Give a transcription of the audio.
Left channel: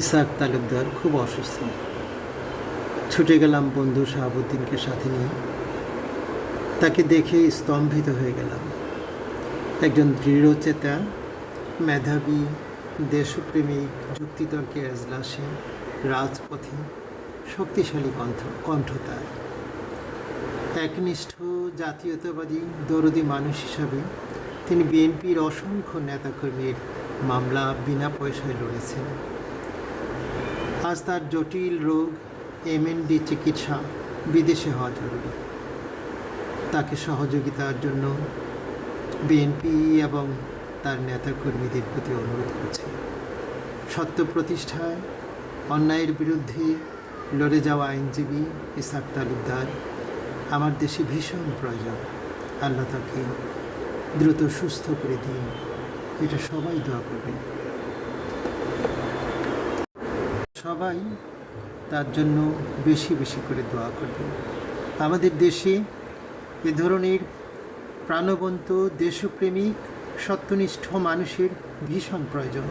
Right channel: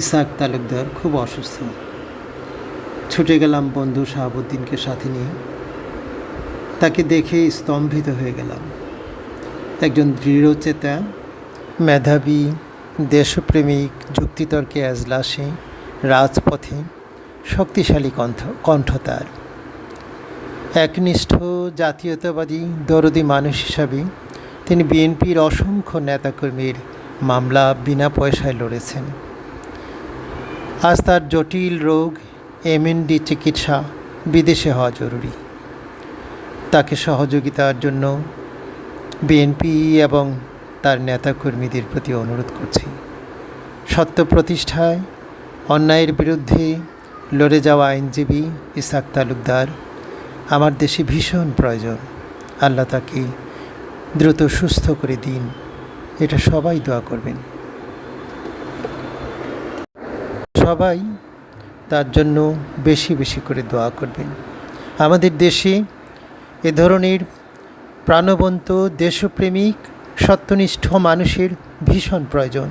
ইসাক তালুকদার খুব অসুস্থ। ছুটে গেলাম বন্ধু শাহাবুদ্দিনকে সাথে নিয়ে। তাকে দেখে স্তম্ভিত হয়ে গেলাম। একজন দৃঢ়চেতা, মেধাবী, দেশপ্রেমিক, যুক্তিতর্কে এজলাসে, রাজপথে শক্তিশালী কণ্ঠ তার। একনিষ্ঠ জাতীয়তাবাদী দরদি মানুষ হিসাবে তিনি বিএনপির অসংখ্য নেতাকর্মীর মামলা বিনা পয়সায় লড়েছেন। আজ তার জটিল রোগ এমএনডি চিকিৎসা বিদেশে হওয়া জরুরি। তাকে সহযোগিতার জন্য বিএনপি এবং তার নেতাকর্মীদের প্রতি অনুরোধ করছি। সত্য প্রতিষ্ঠায় অন্যায়ের বিরুদ্ধে লড়ে যাওয়া আইনজীবী ইসাক তালুকদার আমার দেশে ভীষণ প্রয়োজন। আল্লাহ তাকে দ্রুত সুস্থ করে দিন, এটা সবাই দোয়া করবেন। সবাই তার জন্য বেশি বেশি করে দোয়া করবেন। আমাদের দেশে এ ধরনের প্রাণবন্ত, দেশপ্রেমিক, সত্যনিষ্ঠ মানুষের ভীষণ প্রয়োজন।